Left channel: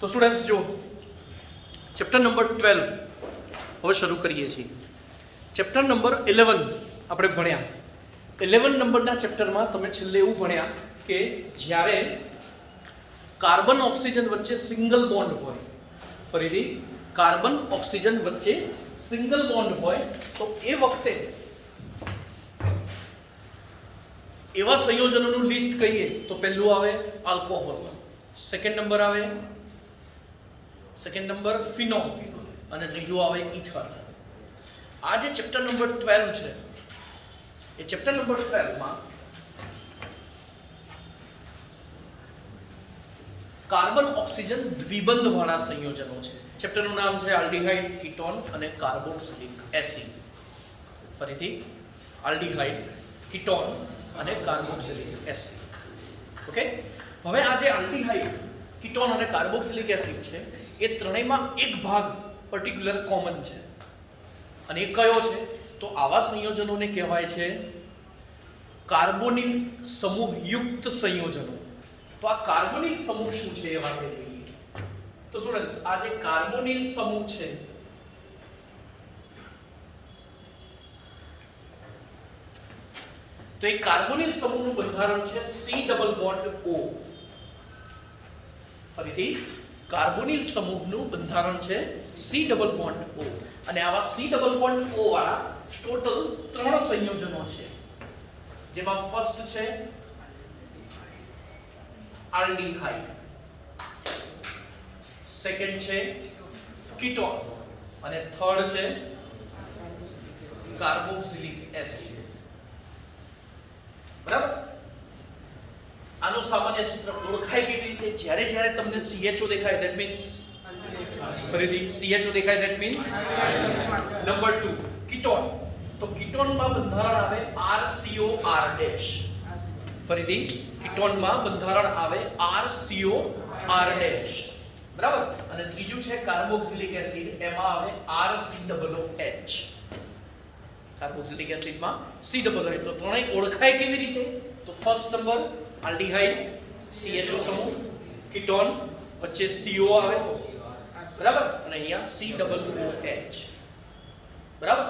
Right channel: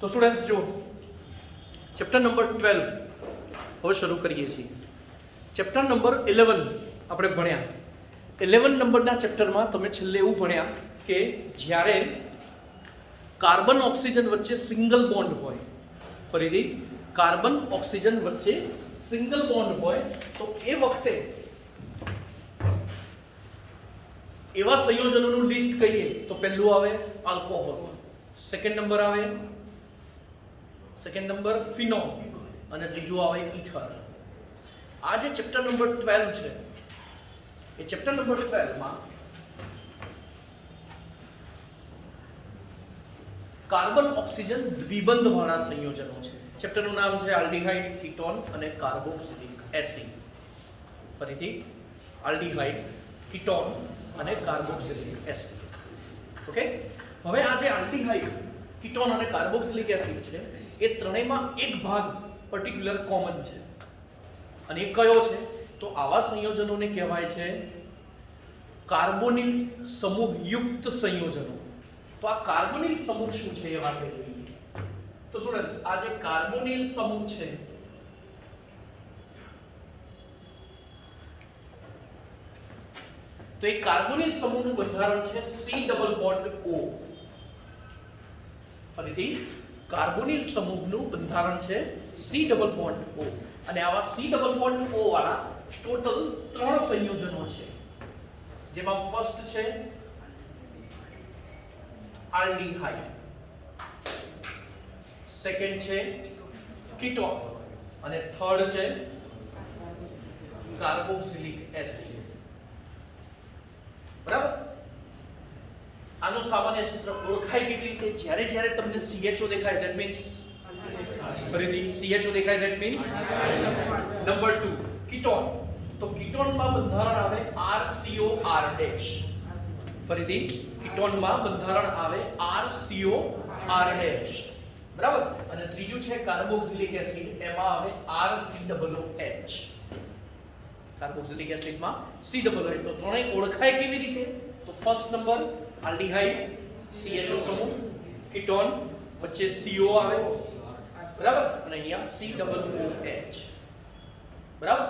તો સ્ટુડન્ટ્સ જો chapter number 12 હવે શરૂ કરીએ છીએ. ચેપ્ટર નંબર 11 આપણે ભણ્યા. 11 નંબરના ચેપ્ટરમાં તમે છેલ્લે એવું ભણ્યા કે જ્યારે કાર્બન ઓક્સિજન વચ્ચે સિંગલ બોન્ડ હોય, ફરીથી કાર્બન ઓક્સિજન વચ્ચે સિંગલ બોન્ડ હોય તો એ વખતે એવા સંયોજનોનું લિસ્ટ કહીએ તો પહેલું આવે આલ્કોહોલ, સેકન્ડ નંબર ફિનોલ અને ત્રીજું આવે ઇથર. આ જે ચેપ્ટર નંબર 12 છે એ ચેપ્ટર નંબર 12 માં કાર્બન ઓક્સિજન દ્વિબંધ વાળા સંયોજનો છે. ચેપ્ટરનું નામ છે આલ્ડીહાઇડ, કીટોન અને કાર્બોક્સિલિક એસિડ. ફરીથી આલ્ડીહાઇડ, કીટોન અને કાર્બોક્સિલિક એસિડ. ઓકે, હવે આ જે આલ્ડીહાઇડ, કીટોન અને કાર્બોક્સિલિક એસિડ છે એ ત્રણેયમાં એક ભાગ પર્ટિક્યુલર કોમન છે અને એ કયો છે તો આવા સંયોજનોને કહેવાય છે કાર્બોનિલ સમૂહ યુક્ત સંયોજનો. તો આ કાર્બોનિલ સમૂહ શું છે એ આપણે જોઈએ. તો સ્ટુડન્ટ્સ આ જે કાર્બોનિલ સમૂહ છે તો એ કાર્બોનિલ સમૂહનું બંધારણ છે C ડબલ બોન્ડ O. ફરીથી કાર્બોનિલ સમૂહનું બંધારણ છે C ડબલ બોન્ડ O અને આવા C ડબલ બોન્ડ O વાળા ટોટલ 3 સંયોજનો છે, જેમાં ફર્સ્ટ છે આલ્ડીહાઇડ, સેકન્ડ છે કીટોન અને થર્ડ છે કાર્બોક્સિલિક એસિડ. બરાબર. આનું સામાન્ય સૂત્ર ઓળખાય કેવી રીતે? જ્યારે જ્યારે તમને CHO દેખાય that means ફરીથી CHO દેખાય that means નંબર 2 કીટોન. તો કીટોનમાં બંધારણ આવે RCOR ડેશ. ફરીથી કીટોનમાં બંધારણ આવે RCOR ડેશ. બરાબર. અને ત્રીજું છે કાર્બોક્સિલિક એસિડ, એમાં આવે RCOOH. Carboxylic એસિડમાં COOH. તો ત્રણેય ઓળખાય કેવી રીતે? તો ફર્સ્ટ નંબર આલ્ડીહાઇડ, CHO સમૂહ, કીટોન વચ્ચે CO આવે, બરાબર, અને અહીંયા COOH. બરાબર.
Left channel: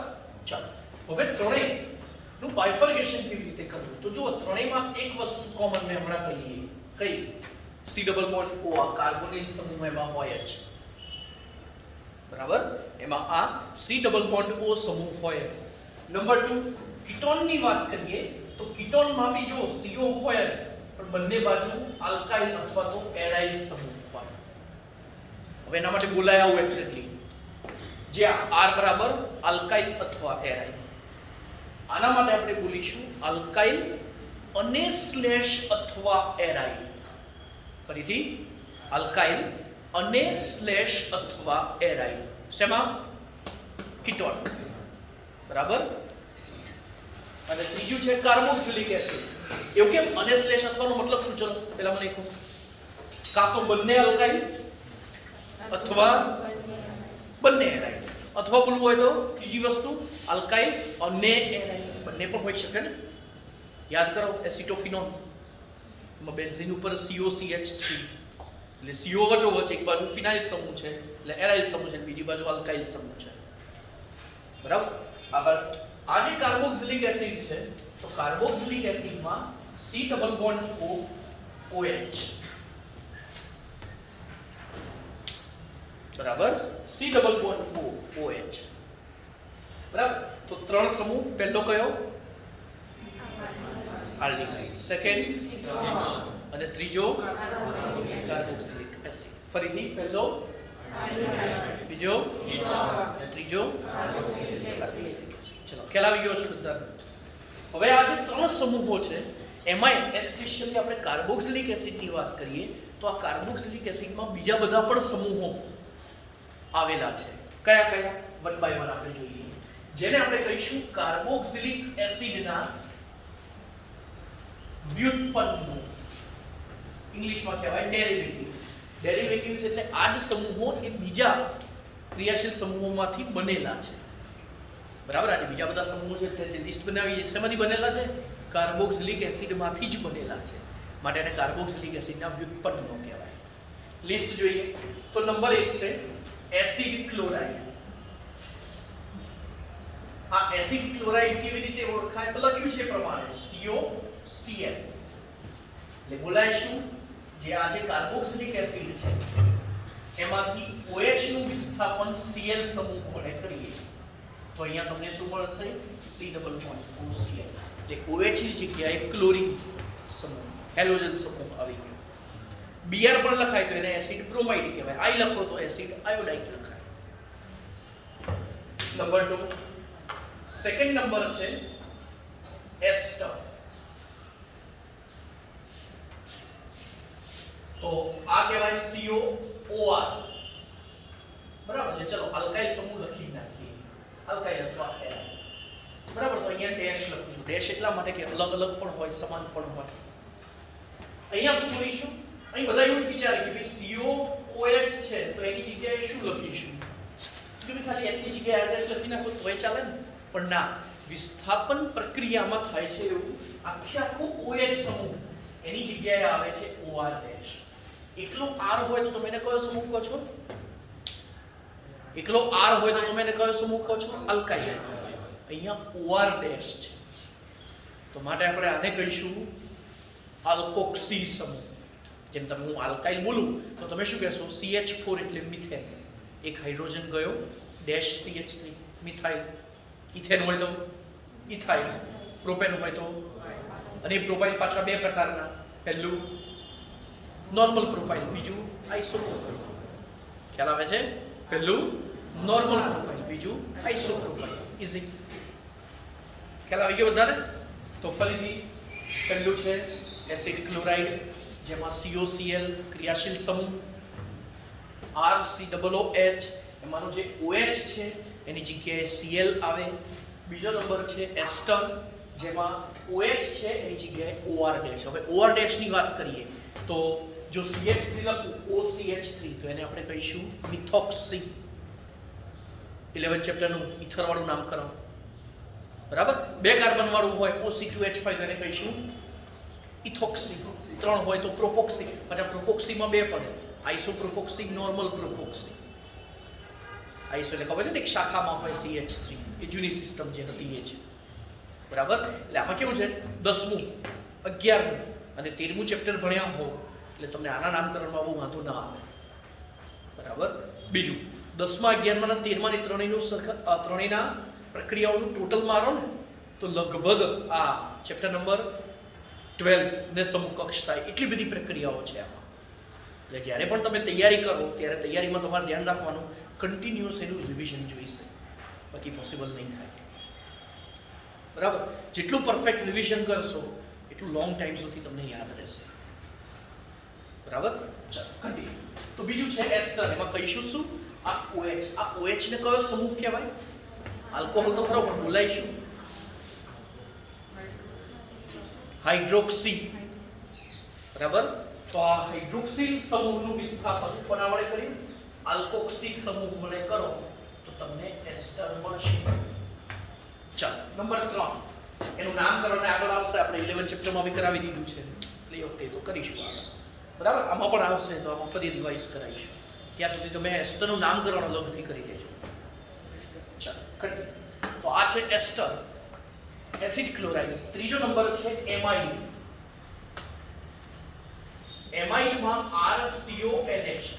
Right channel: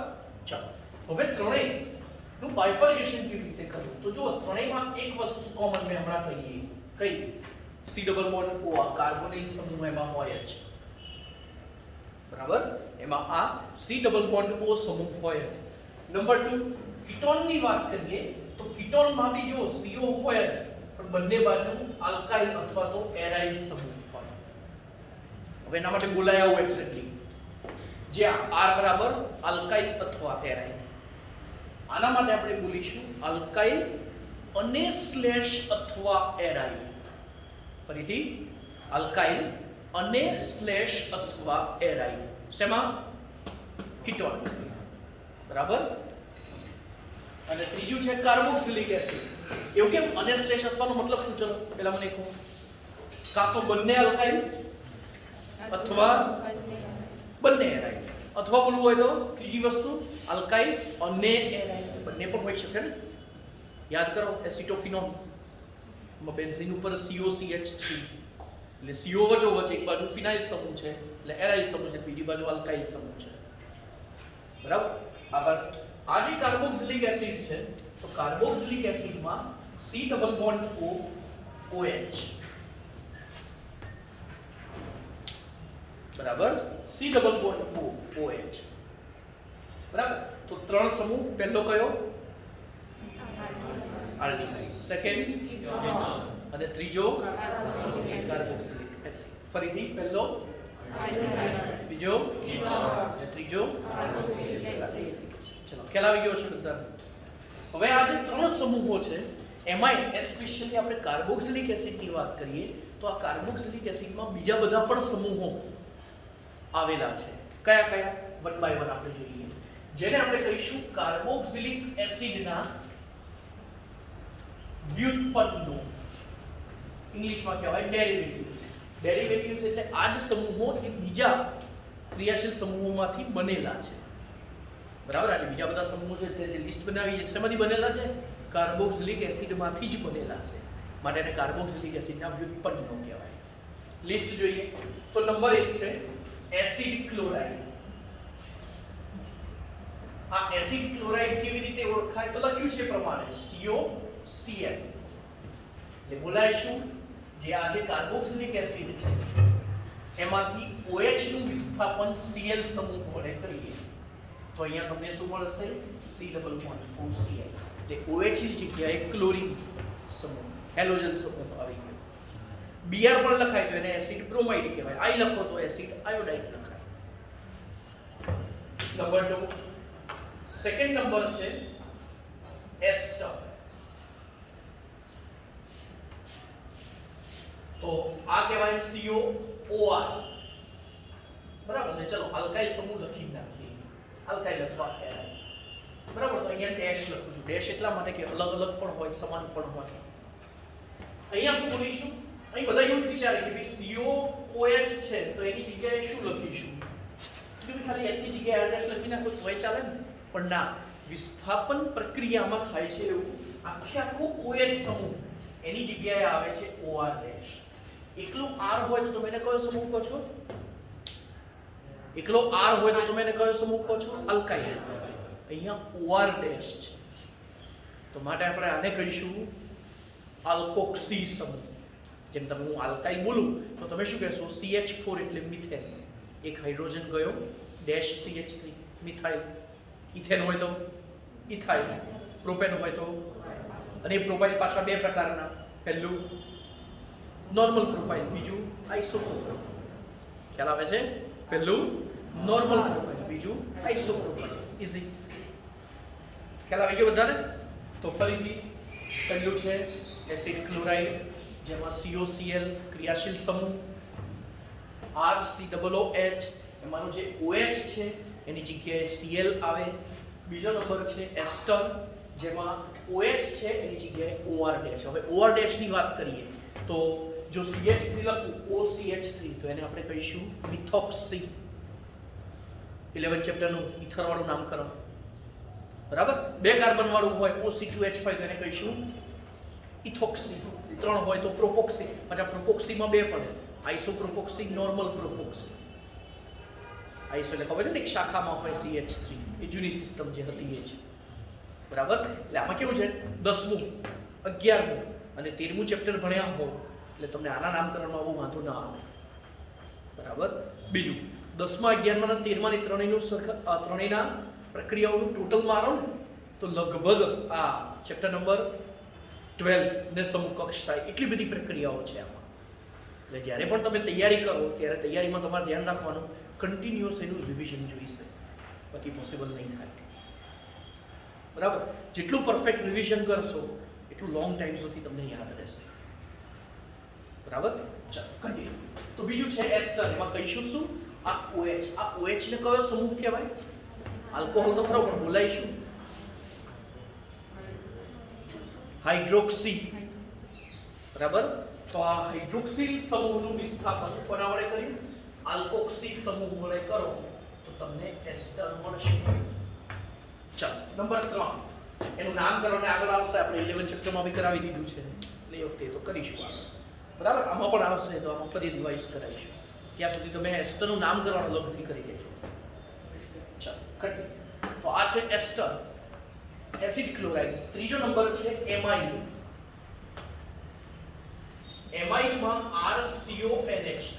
ચાલો હવે ત્રણેયનું બાયફર્ગેશન કેવી રીતે કરવું? તો જુઓ, ત્રણેયમાં એક વસ્તુ કોમન મેં હમણાં કહીએ. કઈ? C ડબલ બોન્ડ O, આ કાર્બોનિલ સમૂહ એમાં હોય જ. બરાબર. એમાં આ C ડબલ બોન્ડ O સમૂહ હોય જ. નંબર 2 કીટોનની વાત કરીએ તો કીટોનમાં બી જો CO હોય જ, પણ બંને બાજુ આલ્કાઇલ અથવા તો એરાઇલ સમૂહ હોય. હવે એના માટે બોલાય આવું એક્ઝેક્ટલી, જ્યાં R બરાબર આલ્કાઇલ અથવા એરાઇલ. આના માટે આપણે બોલીશું આલ્કાઇલ અને સ્લેશ અથવા એરાઇલ. ફરીથી આલ્કાઇલ અને સ્લેશ અથવા એરાઇલ. શેમાં? કીટોન. બરાબર. અને ત્રીજું છે કાર્બોક્સિલિક એસિડ. એવું કેમ અને સ્લેશ અથવાનો મતલબ શું? ચલો પહેલા મને કહો. કાં તો બંને આલ્કાઇલ અથવા બંને એરાઇલ, અથવા બોલવું હોય તો ત્રીજી વસ્તુ આલ્કાઇલ અને એરાઇલ, બંને પણ હોઈ શકે ને. યાદ કરો એસિટોફિનોન, એમાં બેન્ઝીન ઉપર COCH3 એટલે CO વચ્ચે એક બાજુ ફિનાઇલ સમૂહ છે એટલે એરાઇલ સમૂહ છે, બીજી બાજુ આલ્કાઇલ સમૂહ છે. બરાબર. આગળ આ જે કાર્બોક્સિલિક એસિડ છે તો કાર્બોક્સિલિક એસિડમાં C ડબલ બોન્ડ OH. બરાબર. C double bond OH. બરાબર. તો 3 સમૂહ. પહેલો કયો? આલ્ડીહાઇડ, સેકન્ડ અને ત્રીજો કાર્બોક્સિલિક એસિડ. ફરીથી પહેલો આલ્ડીહાઇડ, બીજો અને ત્રીજો કાર્બોક્સિલિક એસિડ. ચલો ખ્યાલ આવી ગયો છે બધાને. હવે આ જે 3 સમૂહો છે એમાં એસ્પેશિયલી આપણે કાર્બોક્સિલિક એસિડની વાત કરીએ તો આ કાર્બોક્સિલિક એસિડમાં બીજા બધા પણ સમૂહો આવેલા છે. કયા કયા? વન બાય વન આપણે જોઈએ. જેને આપણે કહીશું કાર્બોક્સિલિક એસિડના વ્યુત્પન્નો. ઇંગ્લિશમાં કહેવાય ડેરિવેટિવ્સ. ડેરિવેટિવ્સ એટલે આ જ સમૂહો એ બીજા ક્રિયાશીલ સમૂહોમાંથી બનેલા છે. બરાબર. આજે બીજા બધા સમૂહો છે તે જે લિસ્ટ બનાવી છે શેમાંથી બનેલા છે? કાર્બોક્સિલિક એસિડમાંથી જ બનેલા છે. માટે એને કાર્બોક્સિલિક એસિડના વ્યુત્પન્નો કહેવાય. લિસ્ટ જોઈએ તો નંબર 1 છે એસિડ ક્લોરાઇડ. આ એસિડ ક્લોરાઇડ કેવી રીતે ઓળખાય તો લખ્યું છે પ્રમાણે COCl એટલે બોલાય શું જે આ જે કાર્બોક્સિલિક એસિડ છે એમાંથી OH નું વિસ્થાપન Cl સમૂહ વડે કરીએ તો અહીંયા તમને શું મળશે C ડબલ બોન્ડ OCl એટલે OH ની જગ્યાએ ક્લોરીન સમૂહ હેલોજન સમૂહ આવી ગયો. Br પણ લખાય તો એને એસિડ બ્રોમાઇડ કહેવાય. I લખો તો એસિડ આયોડાઇડ લખાય. નંબર 2 સેકન્ડ નંબર છે એસ્ટર. તો આ કહેવાય COOR બરાબર. એટલે ચલો આલ્કાઇલ સમૂહ લખી નાખીએ આલ્કાઇલ અથવા એરાઇલ બરાબર. તો અહીંયા ડેશ લખું છું. ડેશ એટલા માટે કે અલગ અલગ પણ હોય સમાન પણ હોય. અહીંયા શું બોલીશું અહીં બધા એવું જ વિચારે કે ભાઈ COOH છે તો એની જગ્યાએ શું લખીશું કે ભાઈ ખાલી એની જગ્યાએ ડેશ લખી નાખો તોય ચાલે ને પણ ના વિસ્થાપન પ્રક્રિયામાં થાય છે એવું આખો OH સમૂહ એની જગ્યાએ આવે છે OR ડેશ. એકલો R હોય તો તમે એને કયો સમૂહ કહો છો? એકલો R હોય તો તમે એને કયો સમૂહ કહો છો? આલ્કાઇલ. અહીંયા OR ડેશ છે તો માટે આપણે આને કહીશું આલ્કોક્સી સમૂહ. જેમ તમે હું આલ્કાઇલ બોલું તો તમે શું કહેશો CH4 એટલે મિથેન. એક હાઇડ્રોજન ગયો ડેશ CH3 મિથાઇલ. ઇથેન હોય તો ઇથાઇલ. પ્રોપેન હોય તો અને પ્રોપાઇલ પાછા બે પ્રકારના પહેલું નોર્મલ પ્રોપાઇલ બીજું આઇસોપ્રોપાઇલ. ખ્યાલ આવે છે? પહેલું નોર્મલ પ્રોપાઇલ બીજું આઇસોપ્રોપાઇલ. ઈઝી ખ્યાલ આવી ગયો બધાને? તો ફરીથી પહેલું છે એસિડ ક્લોરાઇડ જેમાં COCl ક્રિયાશીલ સમૂહ RCOOH એમાંનો જે OH છે એની જગ્યાએ Cl આવે. બીજો નંબર છે એસ્ટર જેમાં OH છે એની જગ્યાએ OR ડેશ. હવે OR ડેશ ની વાત કરીએ તો જો CH3 લખું OCH3 તો એને આપણે કહીશું મિથોક્સી. 11 ચેપ્ટરનું ઇથર વાળું નામકરણ બરાબર. બે કાર્બન વાળું હોય OC2H5 તો એને કહીશું ઇથોક્સી. 3 હોય તો પ્રોપોક્સી. પાછા પ્રોપોક્સીમાં બે પડે આઇસોપ્રોપોક્સી નોર્મલ પ્રોપોક્સી. આઇસો એટલે ખબર છે ને એક શાખામાં હોય CH3 એ જૂની સિસ્ટમ જે હતી એ જ બરાબર. એટલે આમાં કેવું છે 10મું 11મું અને 13મું ચેપ્ટર ભણ્યા હો એટલે તમને આના નામકરણમાં બહુ વાંધો ના આવે બરાબર. બીજું 10મા 11મા અને 13મા ની ત્રણેયના પ્રક્રિયાઓનું ટોટલ મારો ને તો લગભગ આ ચેપ્ટર નંબર 12 ને સમકક્ષ થાય એટલી બધી પ્રક્રિયાઓ છે આમાં. એટલે જ્યારે પણ તમે તૈયારી કરો ત્યારે તૈયારીમાં તમારે ધ્યાન રાખવાનું કન્ટિન્યુઅસ એનું રિવિઝન જોઈશે બાકી પોસિબલ નહીં થાય બરાબર. જેટલું પરફેક્ટ રિવિઝન કરશો એટલું લોંગ ટાઈમ સુધી તમને યાદ રહેશે બરાબર. ચાલો કન્ટિન્યુ. તો બીજું છે એસ્ટર. એમાં કહીશું શું આ OH. આ OH ને કયો સમૂહ કહેવાય? આલ્કોહોલ તો ખરો પણ બોલાઈશું હાઇડ્રોક્સી બરાબર. તો આ હાઇડ્રોક્સિલ સમૂહનું વિસ્થાપન કોના વડે કર્યું? આલ્કોક્સી સમૂહ વડે કરો તો તમને એસ્ટર મળશે. ચાલો નંબર 3 એનું નામકરણ આગળ આવશે. આપણે 11 ચેપ્ટરમાં બી કરાવી દીધું છે એટલે એ વખતે તો કરીશું આગળ બરાબર. આમાં પણ આવશે તો આમાં ફરી રિવાઇઝ કરાવીશું. ત્યાં સુધી તમે એસ્ટરનું નામકરણ અલગથી કરી દેજો. ચાલો કન્ટિન્યુ. તો આ છે એસ્ટર એસિડ ક્લોરાઇડ. ત્રીજો નંબર છે એમાઇડ. એમાઇડમાં RCONH2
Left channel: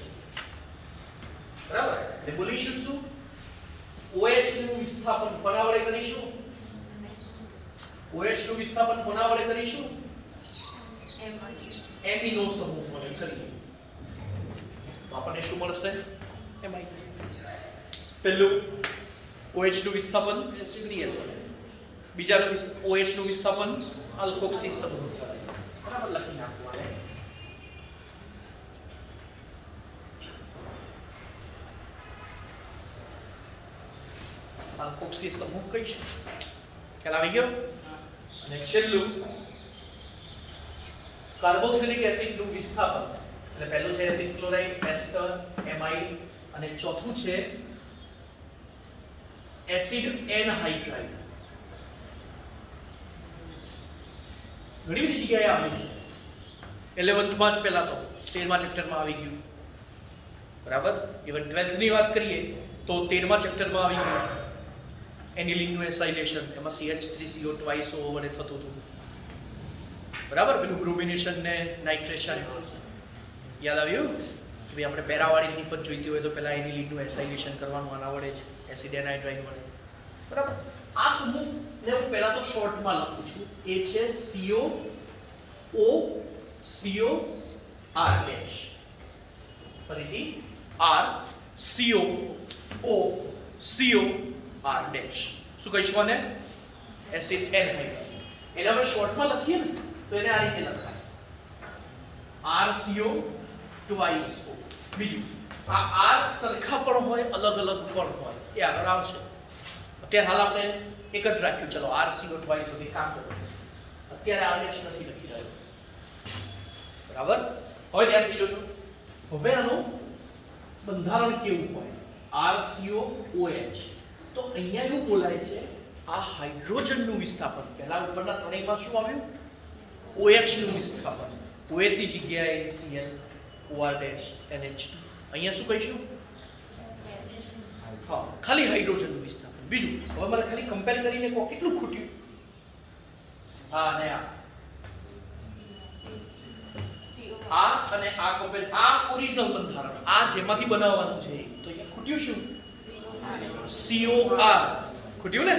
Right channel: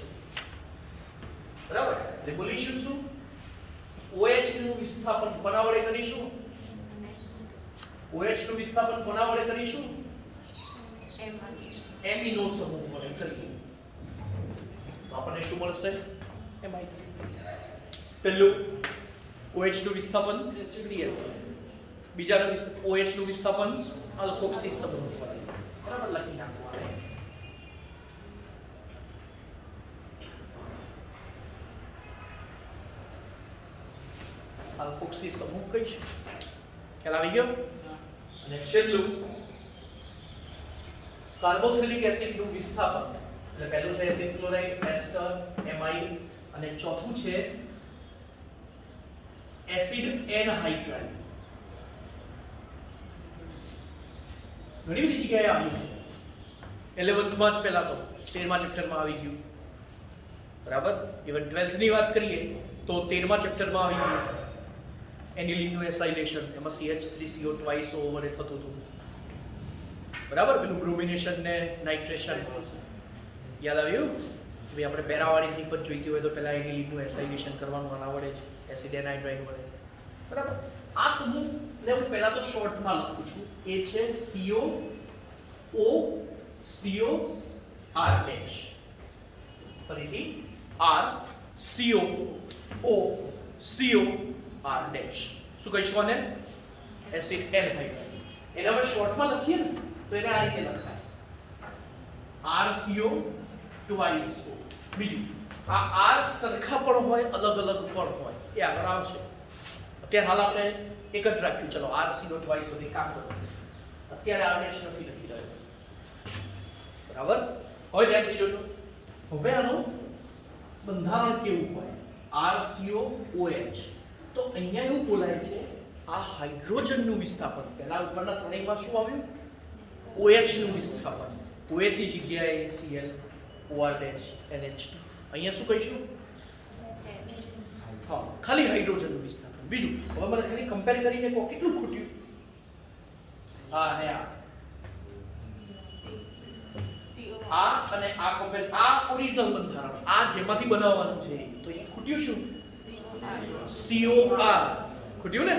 બરાબર. એટલે બોલીશું શું OH નું વિસ્થાપન કોના વડે કરીશું? OH નું વિસ્થાપન કોના વડે કરીશું? એમિનો સમૂહ વડે કરીએ તો આપણને શું મળશે? એમાઇડ. પહેલું OH નું વિસ્થાપન Cl વડે. બીજાનું OH નું વિસ્થાપન આલ્કોક્સી સમૂહ વડે બરાબર. લખી નાખવાનું. આલ્કોક્સી સમૂહ કહીશું. ખ્યાલ આવી ગયો? અને છેલ્લું કાર્બોક્સિલિક એસિડ નું વિસ્થાપન. એટલે પહેલું છે એસિડ ક્લોરાઇડ, એસ્ટર, એમાઇડ અને ચોથું છે એસિડ એનહાઇડ્રાઇડ. ઘણી બધી જગ્યાએ આવ્યું છે. 11th માં જ પહેલા તો 13મા ચેપ્ટરમાં આવી ગયું બરાબર. ઇવન 12th ની વાત કરીએ તો 13મા ચેપ્ટરમાં આવી ગયું એનિલિનનું એસાઇલેશન, એમાં CH3CO ટ્વાઇસ ઓવર થતું હતું. બરાબર. પેલું બ્રુમિનેશન ને નાઇટ્રેશન યાદ આવ્યું કે ભાઈ આપણે પેરાવાળી નિપજ જોઈતી હોય તો પહેલા એનિલિનનું એસાઇલેશન કરવાનું, આના વડે જ એસિડ એનાઇડ્રાઇન વડે. બરાબર. આ સમૂહને હું પહેલા તો શોર્ટમાં લખું છું. એ છે COOR ડેશ. ફરીથી RCOOCOR ડેશ. શું કહીશું આને? Acid anhydride. એને હવે શોર્ટમાં લખીએ ને તો એને આ રીતે લખાય RCO ટ્વાઇસ O. બીજું આ R સરખા પણ હોય, અલગ અલગ પણ હોય, એ આગળ આવશે. અત્યારે હાલ આપણે એક જ રાખ્યું. ચલો RCO ટ્વાઇસ O. કામ કરો. અત્યારે આ ડેશ નથી લખી રહ્યો. બરાબર. હવે ધ્યાનથી જોજો. હવે આનું બંધારણ કેવું હોય? RCOOH. તો અહીંયા એવું બોલાય છે આ હાઇડ્રોજનનું વિસ્થાપન. પહેલા ઉપરના ત્રણેયમાં શું આવ્યું? OH નું વિસ્થાપન. OH ની જગ્યાએ Cl, OR ડેશ, NH. અહીંયા શું કહીશું? હા, ખાલી હાઇડ્રોજનનું વિસ્થાપન. બીજું હવે મને ખાલી કમ્પેર કરીને કહો કેટલું ખૂટ્યું? હા, અને આ અને આ કમ્પેર. આ ઓરિજિનલ બંધારણ, આ જેમાંથી બનાવવાનું છે. તો અહીંયા ખૂટ્યું શું? COR ખૂટ્યું ને?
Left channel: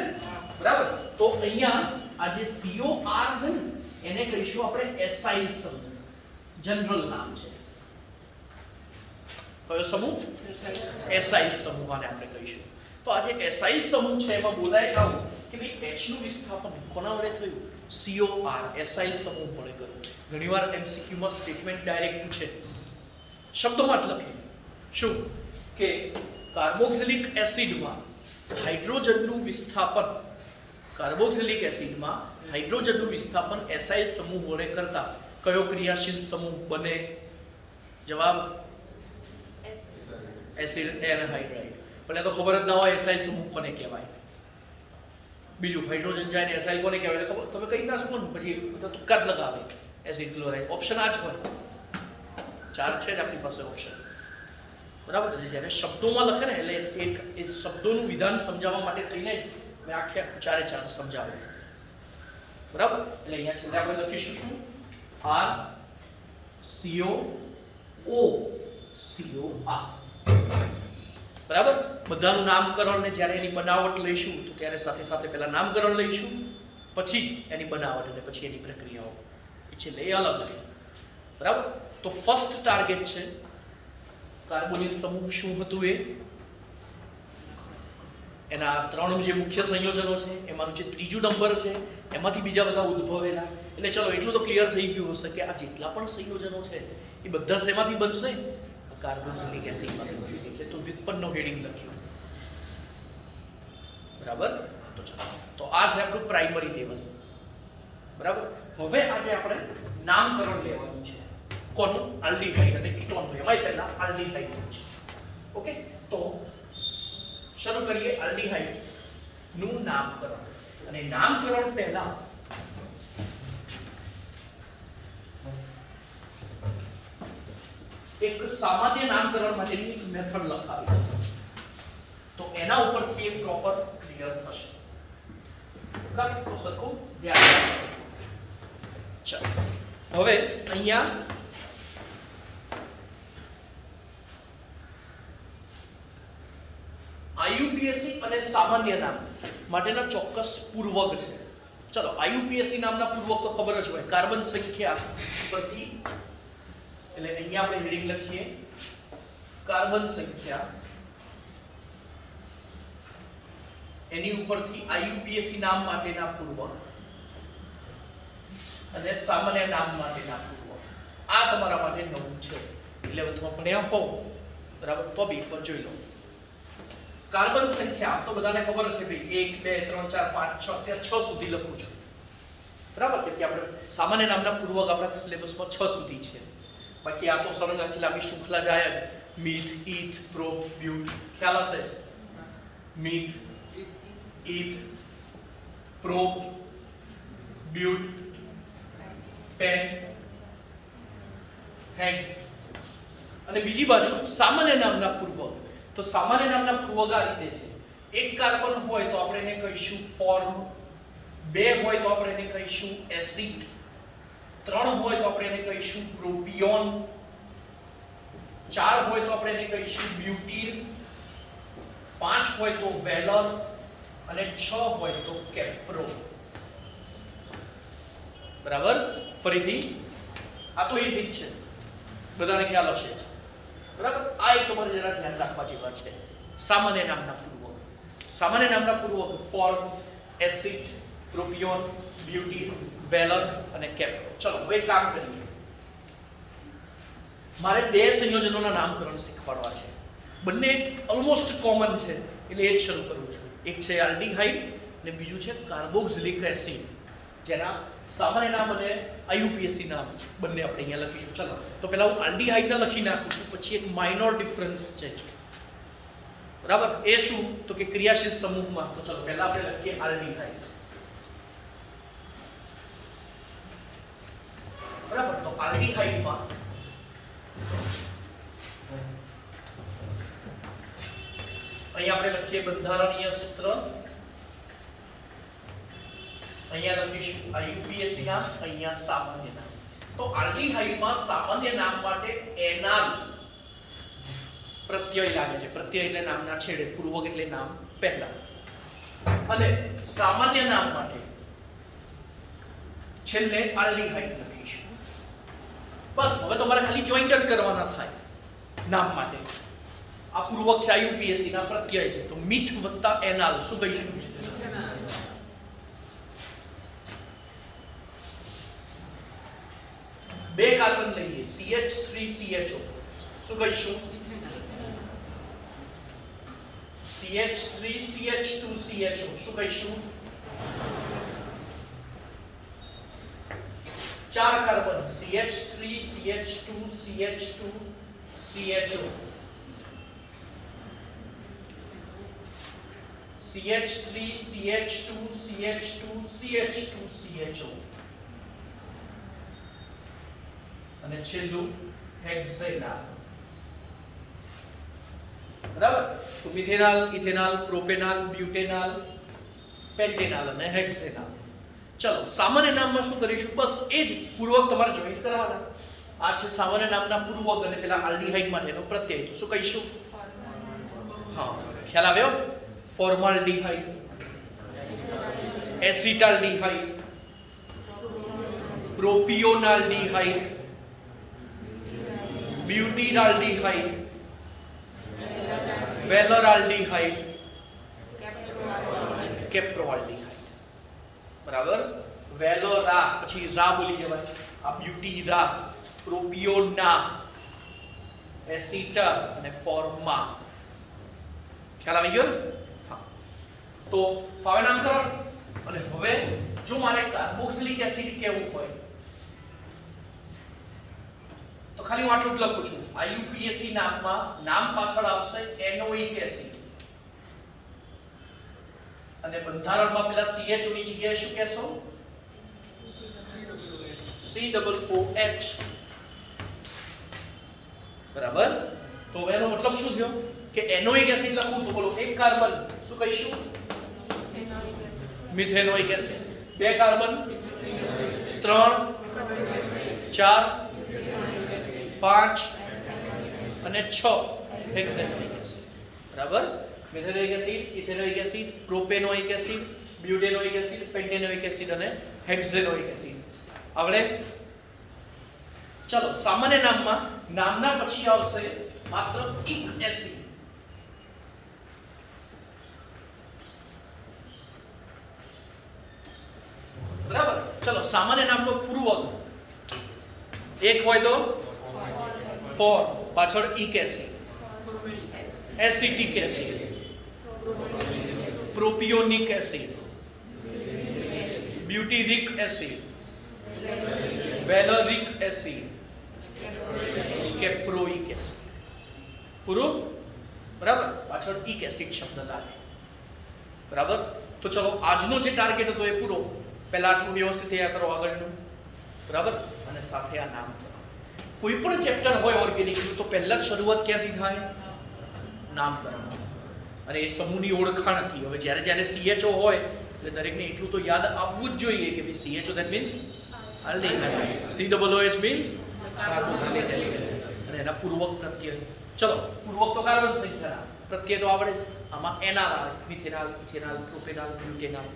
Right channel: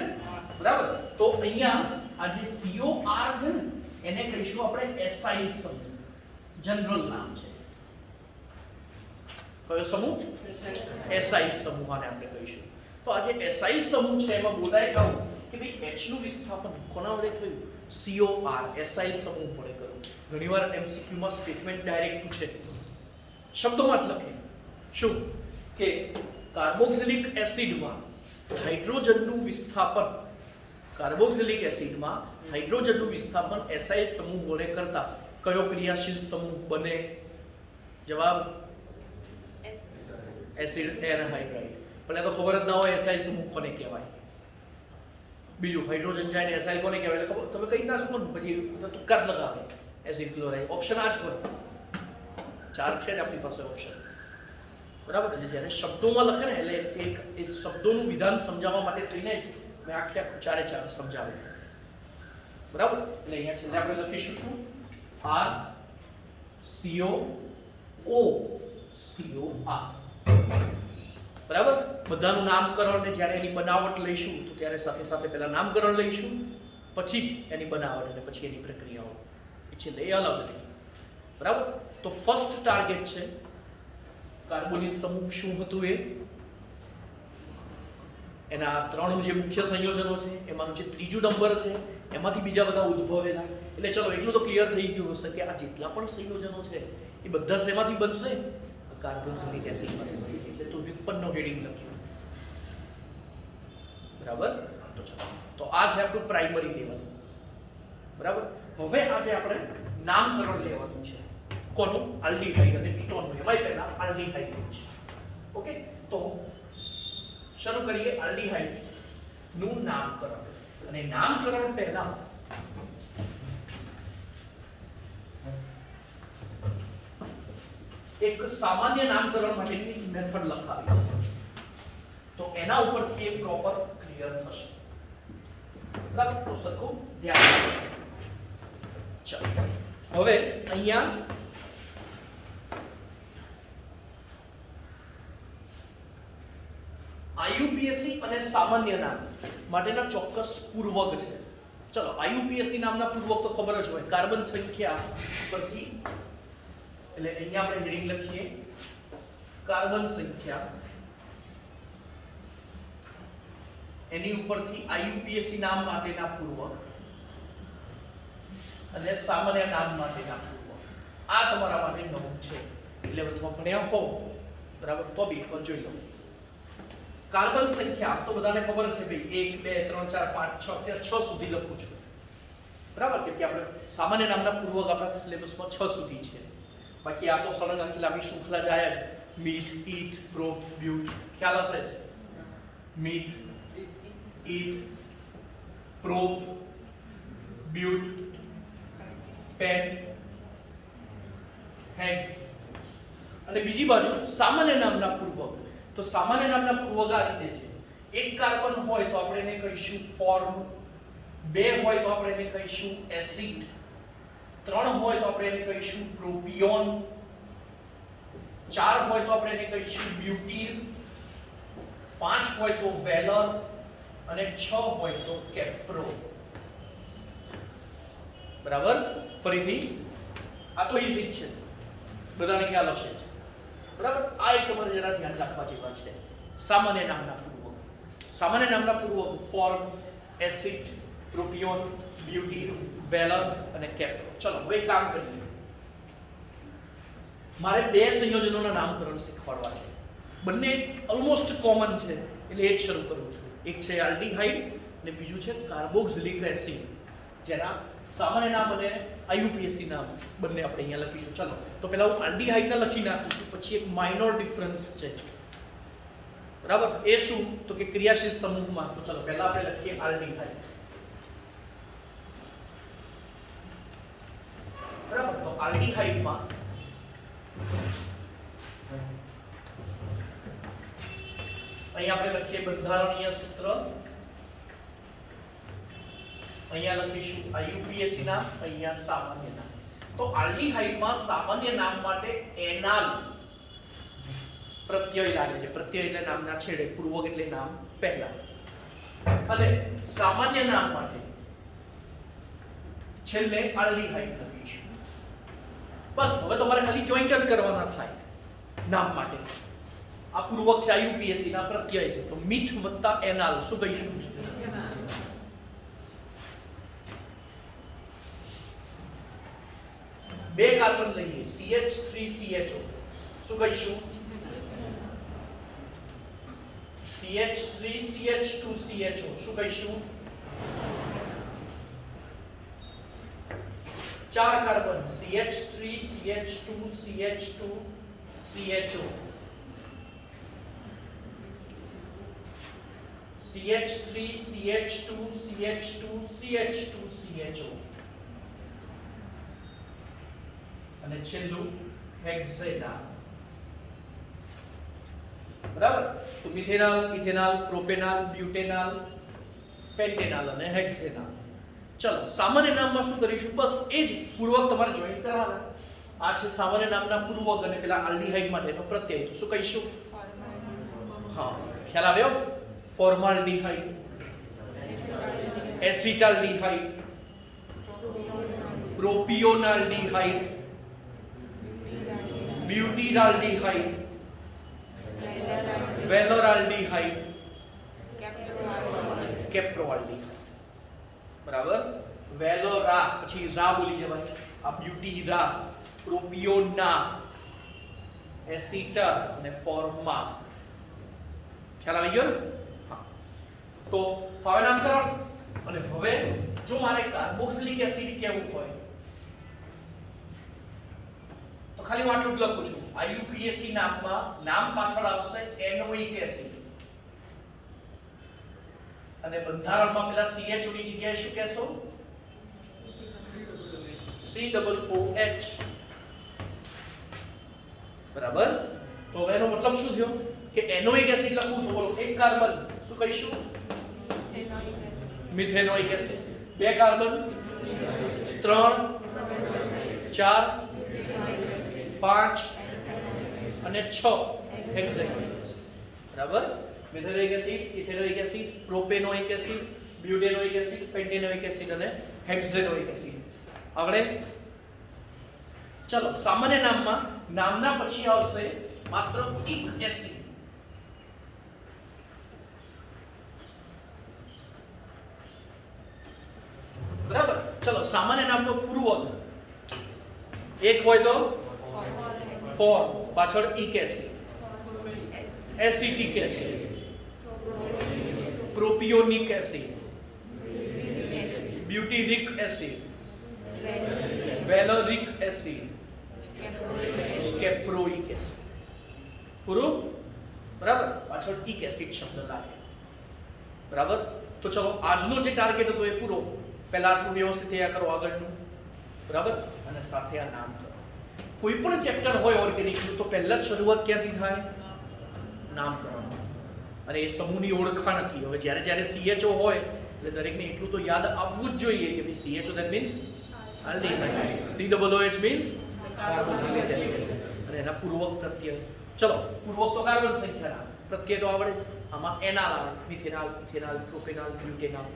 બરાબર. તો અહીંયા આ જે COR છે ને એને કહીશું આપણે એસાઇલ સમૂહ. જનરલ નામ છે. કયો સમૂહ? એસાઇલ સમૂહ આને આપણે કહીશું. તો આ જે એસાઇલ સમૂહ છે એમાં બોલાય આવું કે ભાઈ H નું વિસ્થાપન કોના વડે થયું? COR એસાઇલ સમૂહ વડે કર્યું. ઘણીવાર MCQ માં સ્ટેટમેન્ટ ડાયરેક્ટ પૂછે, શબ્દોમાં જ લખે. શું કે કાર્બોક્સિલિક એસિડમાં હાઇડ્રોજનનું વિસ્થાપન, કાર્બોક્સિલિક એસિડમાં હાઇડ્રોજનનું વિસ્થાપન એસાઇલ સમૂહ વડે કરતા કયો ક્રિયાશીલ સમૂહ બને? જવાબ એસિડ એનહાઇડ્રાઇડ. પણ એ તો ખબર જ ના હોય એસાઇલ સમૂહ કોને કહેવાય. બીજું હાઇડ્રોજન જાય ને એસાઇલ કોને કહેવાય ખબર? તમે કઈ ના શકો ને પછી તુક્કા જ લગાવે. Acid chloride. ઓપ્શન આ જ હોય. 4 છે જ આપણી પાસે ઓપ્શન. બરાબર. જ્યારે શબ્દોમાં લખે ને એટલે એક એ શબ્દોનું વિધાન સમજાવવા માટે થઈને જ મેં આખું 4 સમજાવે. બરાબર. એટલે અહીંયા છેલ્લે આપણે લખીશું શું? RCOOCOR. બરાબર. બધાનું નામકરણ ને જ્યારે એની બનાવટ લઈશું તો ત્યારે સાથે સાથે પહેલા નામકરણ લઈશું, પછી જ એની બનાવટ અને પછી એની પ્રક્રિયાઓ. એ છેલ્લે એ અલગ છે. બરાબર. તો ફર્સ્ટ ટાર્ગેટ છે કાર્બોનિલ સમૂહ. શું હતું એ? એના 3 જે મુખ્ય સંયોજનો છે એમાંનું જે ત્રીજું નંબર છે એમાંથી બીજા બધા ઉદ્ભવેલા. એટલે ચલો એટલું તો ક્લિયર થઈ ગયું હશે કે આ જેટલા પણ સંયોજનો છે એ બધા શેમાંથી બનશે? કાર્બોક્સિલિક એસિડમાંથી બનશે. એટલે તો વ્યુત્પન્નનો હેડિંગ લખ્યું. બરાબર. તો ચલો, તો આ છે આપણું પ્રાઇમરી લેવલ. બરાબર. હવે આજે આપણે નામકરણ લેવાનું છે. કોનું? આલ્ડીહાઇડ અને કીટોનનું. એમાંય પહેલા આલ્ડીહાઇડ છે. ઓકે. તો શરૂ કરીએ આલ્ડીહાઇડ નું નામકરણ. અને નામકરણ પહેલા એક સામાન્ય નામકરણ માટેની મેથડ લખાવી છે. તો એના ઉપરથી એક પ્રોપર ક્લિયર થશે. બરાબર. તો સરખું ધ્યાન રાખો. ચાલો હવે અહીંયા IUPAC અને સામાન્ય નામ માટેના ચોક્કસ પૂર્વક છે. ચલો IUPAC નામના પૂર્વક તો ખબર જ હોય, કાર્બન સંખ્યા પરથી. એટલે અહીંયા આપણે હેડિંગ લખીએ કાર્બન સંખ્યા, એની ઉપરથી IUPAC નામ માટેના પૂર્વક અને સામાન્ય નામ માટેના પૂર્વક. આ તમારા માટે નવું છે. એટલે તમે ભણ્યા હો બરાબર તો બી એકવાર જોઈ લો. કાર્બન સંખ્યા તો બધાને ખબર હશે ભાઈ 1 2 3 4 5 6 ત્યાં 6 સુધી લખું છું. બરાબર. કે આપણે સામાન્ય નામના પૂર્વક આપણા સિલેબસમાં 6 સુધી છે. બાકી આ તો સળંગ આખી લાંબી શૃંખલા જાય જ. Meth, eth, prop, but. ખ્યાલ હશે? Meth, eth, prop, but, pent, hex અને બીજી બાજુ સામાન્ય નામના પૂર્વક. તો સામાન્ય નામના પૂર્વક આ રીતે છે. એક કાર્બન હોય તો આપણે એને કહીશું ફોર્મ, બે હોય તો આપણે એને કહીશું એસિડ, ત્રણ હોય તો આપણે એને કહીશું પ્રોપિયોન, ચાર હોય તો આપણે એને કહીશું બ્યુટીન, પાંચ હોય તો વેલર અને છ હોય તો કેપ્રો. બરાબર? ફરીથી આ તો ઈઝી જ છે, બધાને ખ્યાલ હશે. બરાબર? આ એક તમારે જરા ધ્યાન રાખવા જેવા છે. સામાન્ય નામના પૂર્વક. સામાન્ય નામના પૂર્વક ફોર્મ, એસિડ, પ્રોપિયોન, બ્યુટીન, વેલર અને કેપ્રો. ચલો હવે કામ કરીએ. મારે બે સંયોજનોના નામકરણ શીખવાડવા છે. બંને ઓલમોસ્ટ કોમન છે એટલે એ જ શરૂ કરું છું. એક છે આલ્ડીહાઇડ અને બીજું છે કાર્બોક્સિલિક એસિડ, જેના સામાન્ય નામ અને આઈયુપીએસી નામ બંને આપણે અહીંયા લખીશું. ચલો તો પહેલા હું આલ્ડીહાઇડના લખી નાખું છું, પછી એક માઇનોર ડિફરન્સ છે. બરાબર? એ શું? તો કે ક્રિયાશીલ સમૂહમાં. તો ચલો પહેલા આપણે લખીએ આલ્ડીહાઇડ. બરાબર? તો આલ્ડીહાઇડમાં અહીંયા આપણે લખીએ બંધારણીય સૂત્ર, અહીંયા લખીશું આઈયુપીએસી નામ, અહીંયા સામાન્ય નામ. તો આલ્ડીહાઇડમાં સામાન્ય નામ માટે એનાલ પ્રત્યય લાગે છે. પ્રત્યય એટલે નામના છેડે, પૂર્વક એટલે નામ પહેલા. અને સામાન્ય નામ માટે છેલ્લે આલ્ડીહાઇડ લખીશું. બસ હવે તમારે ખાલી જોઈન્ટ જ કરવાના થાય નામ માટે. આ પૂર્વક છે, આઈયુપીએસી ના પ્રત્યય છે. તો મીથ વત્તા એનાલ શું કહીશું? બે કાર્બન લઈએ CH3CHO શું કહીશું? CH3CH2CHO શું કહીશું? ચાર કાર્બન CH3CH2CH2CHO, CH3CH2CH2CH2CHO અને છેલ્લું હેક્ઝેનાલ. બરાબર? તો મિથેનાલ, ઇથેનાલ, પ્રોપેનાલ, બ્યુટેનાલ, પેન્ટેનાલ અને હેક્ઝેનાલ. ચલો સામાન્ય નામમાં શું કરીશું? બસ એ જ પૂર્વક તમારે જોઈન્ટ કરવાના. આ છે સામાન્ય નામના પૂર્વક અને પેલા આલ્ડીહાઇડ માટેનો પ્રત્યય. તો શું કહીશું? હા, ખ્યાલ આવ્યો? ફોર્માલ્ડીહાઇડ, એસિટાલ્ડીહાઇડ, પ્રોપિયોનાલ્ડીહાઇડ, બ્યુટીનાલ્ડીહાઇડ, વેલોરાલ્ડીહાઇડ, કેપ્રોઆલ્ડીહાઇડ. બરાબર? વેલોરા પછી રા બોલી જવાય. આ બ્યુટી રા, પ્રોપિયોના, એસિટા અને ફોર્મા. ખ્યાલ આવી ગયો? હા. તો ફાવે નામકરણ. અને હવે જો મારે કાર્બોક્સિલિક એસિડ કેવું હોય તો ખાલી હું આટલું જ લખું છું. આઈયુપીએસી નામમાં નામ પાછળ આવશે એનોઇક એસિડ અને બંધારણમાં પેલા CHO ની જગ્યાએ શું કહેશો? COOH. બરાબર? તો એનો મતલબ શું થયો કે એનોઇક એસિડ લખું તો બોલો એક કાર્બન શું કહીશું? Methanoic acid. બે કાર્બન, ત્રણ, ચાર, પાંચ અને છ હેક્ઝેનોઇક એસિડ. બરાબર? Methanoic acid, ethanoic acid, propanoic acid, butanoic acid, pentanoic acid અને હેક્ઝેનોઇક એસિડ. આપણે ચલો સામાન્ય નામમાં નામના પછી આવશે માત્ર એક એસિડ. બરાબર? ચલો સામાન્ય નામનો પૂર્વક એક હોય તો ફોર્મ, પાછળ ic acid, acetic acid, propionic acid, butyric acid, valeric acid, caproic acid. પૂરું? બરાબર? પાછળ ઇક એસિડ શબ્દ લાગે. બરાબર? તો ચલો આજનો જે ટાર્ગેટ હતો એ પૂરો. પહેલા આટલું વ્યવસ્થિત તૈયાર કરો આગળનું. બરાબર? અને સાથે આ નામ કરો. કોઈ પણ ચેપ્ટર હોય ઓર્ગેનિકનું તો પહેલા જ શરૂઆત ક્યાંથી થાય? નામકરણ. અને એ સમૂહની ઓળખાણ હતી. હવે જ્યારે જ્યારે CHO હોય એટલે દરેકને એટલું તો યાદ આવવું જ જોઈએ કે ભાઈ CHO that means aldehyde, COOH means carboxylic acid, અને એના પૂર્વક પ્રત્યય. ચલો, પૂર્વક તો કાર્બન સંખ્યા, પ્રત્યય તો આવડે છે. આમાં એનાલ આવે, મિથેનાલ, ઇથેનાલ, પ્રોપેનાલ, બ્યુટેનાલ,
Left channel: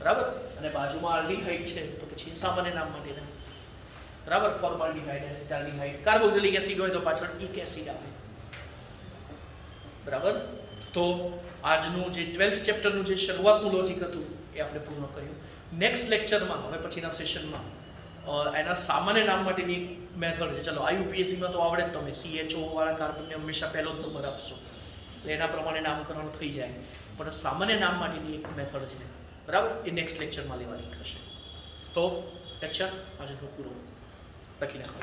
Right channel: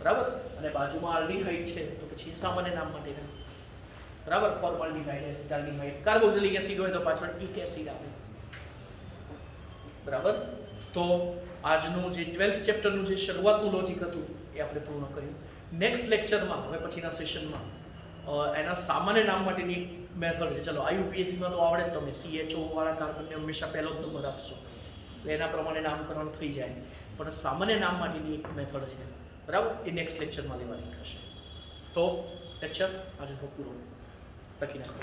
બરાબર. અને બાજુમાં આલ્ડીહાઇડ છે તો પછી સામાન્ય નામ માટેના, બરાબર. ફોર્માલ્ડીહાઇડ, એસિટાલ્ડીહાઇડ, કાર્બોક્સિલિક એસિડ હોય તો પાછળ એક એસિડ આવે, બરાબર. તો આજનું જે 12th ચેપ્ટરનું જે શરૂઆતનું લોજિક હતું એ આપણે પૂર્ણ કર્યું. નેક્સ્ટ લેક્ચરમાં, હવે પછીના સેશનમાં, એના સામાન્ય નામ માટેની એક મેથડ છે. ચલો, IUPACમાં તો આવડે જ, તમે CHO વાળા કાર્બનને હંમેશા પહેલો જ નંબર આપશો એટલે એના પ્રમાણે નામકરણ થઈ જાય. પણ સામાન્ય નામ માટેની એક મેથડ છે, બરાબર. એ નેક્સ્ટ લેક્ચરમાં લેવાની થશે. તો લેક્ચર આજનો પૂરો. લખી નાખો.